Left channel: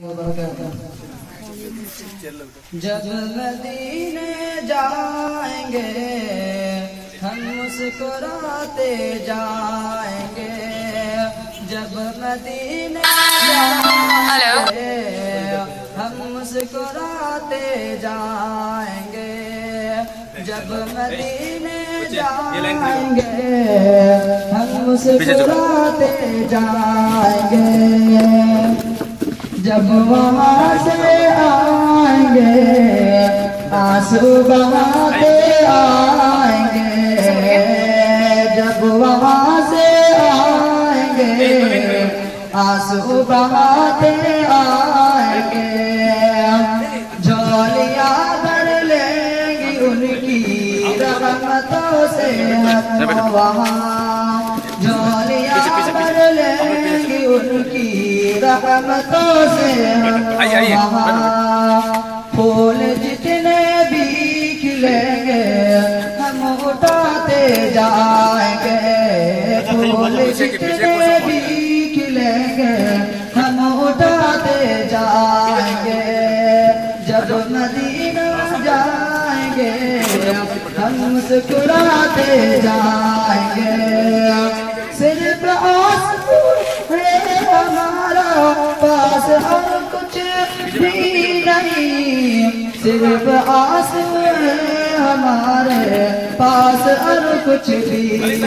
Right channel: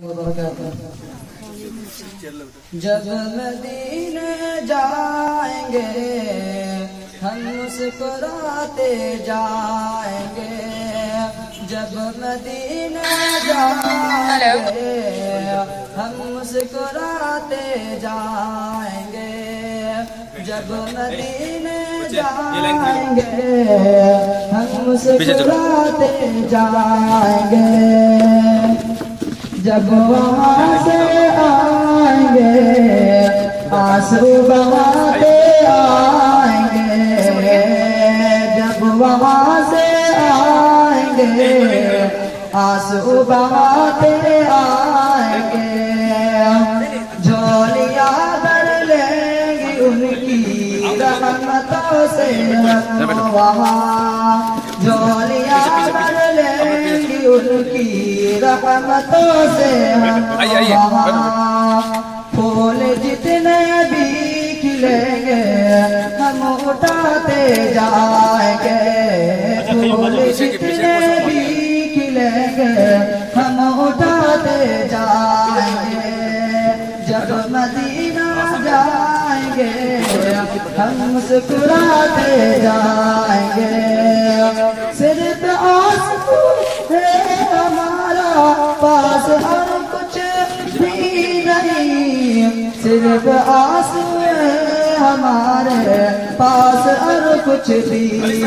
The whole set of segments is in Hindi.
जब मदीने जाएंगे हम मुस्कुराते जाएंगे, जब मदीने जाएंगे हम मुस्कुराते जाएंगे, जब मदीने जाएंगे हम मुस्कुराते जाएंगे, जब वहाँ से आएंगे आंसू बहाते आएंगे, जब वहाँ से आएंगे आंसू बहाते आएंगे, झोलियाँ भर लेंगी उनकी रहमतों से हम वहाँ, झोलियाँ भर लेंगी उनकी रहमतों से हम वहाँ, फूल जितने भी खिलेंगे हम उठाते जाएंगे, फूल जितने भी खिलेंगे हम उठाते जाएंगे, जब मदीना जाएंगे हम मुस्कुराते जाएंगे, सिर्फ आंसू है हमारा पास और कुछ भी नहीं, सिर्फ आंसू है हमारे पास और कुछ भी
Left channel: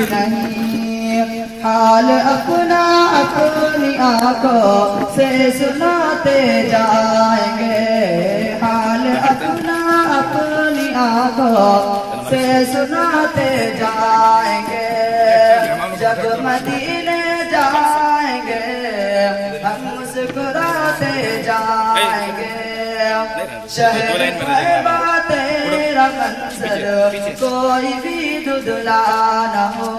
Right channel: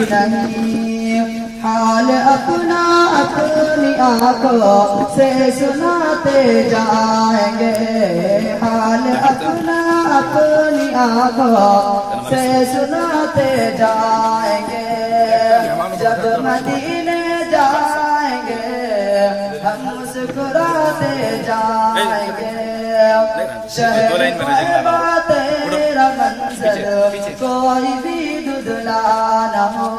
नहीं, हाल अपना अपनी आंखों से सुनाते जाएंगे, हाल अपना अपनी आंखों से सुनाते जाएंगे, जब मदीने जाएंगे हम मुस्कुराते जाएंगे, शहर तैयबा तेरा मंजर कोई भी धुंधला न हो,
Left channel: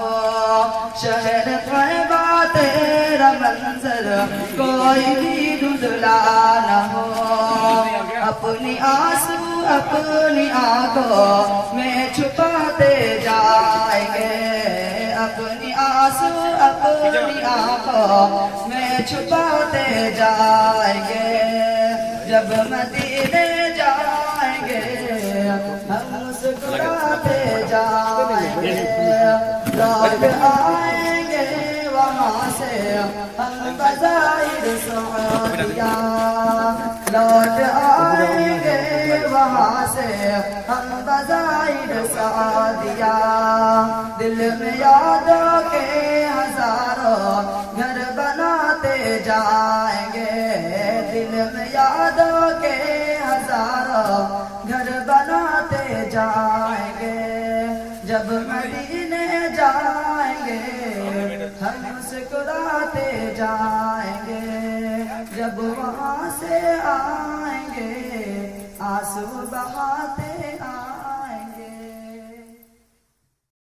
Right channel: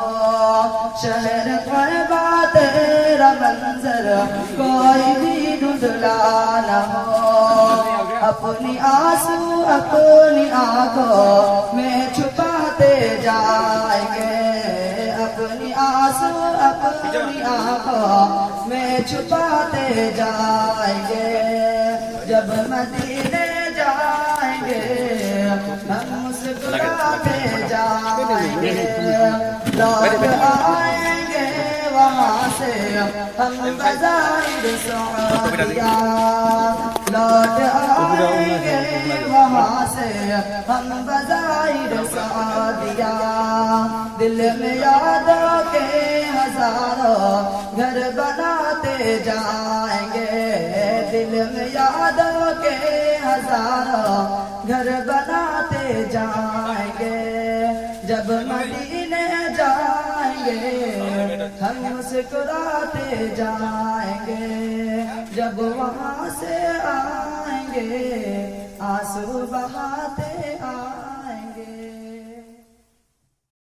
शहर तैयबा तेरा मंजर कोई भी धुंधला न हो, अपनी आंसू अपनी आंखों में छुपाते जाएंगे, अपनी आंसू अपनी आंखों में छुपाते जाएंगे, जब मदीने जाएंगे हम मुस्कुराते जाएंगे, लौट आएंगे वहाँ से हम बज़ाइर सऊदिया, लौट आएंगे वहाँ से हम बज़ाइर सऊदिया, दिल में यादों के हजारों घर बनाते जाएंगे, दिल में यादों के हजारों घर बनाते जाएंगे, जब मदीने जाएंगे हम मुस्कुराते जाएंगे, जब वहाँ से आएंगे आंसू बहा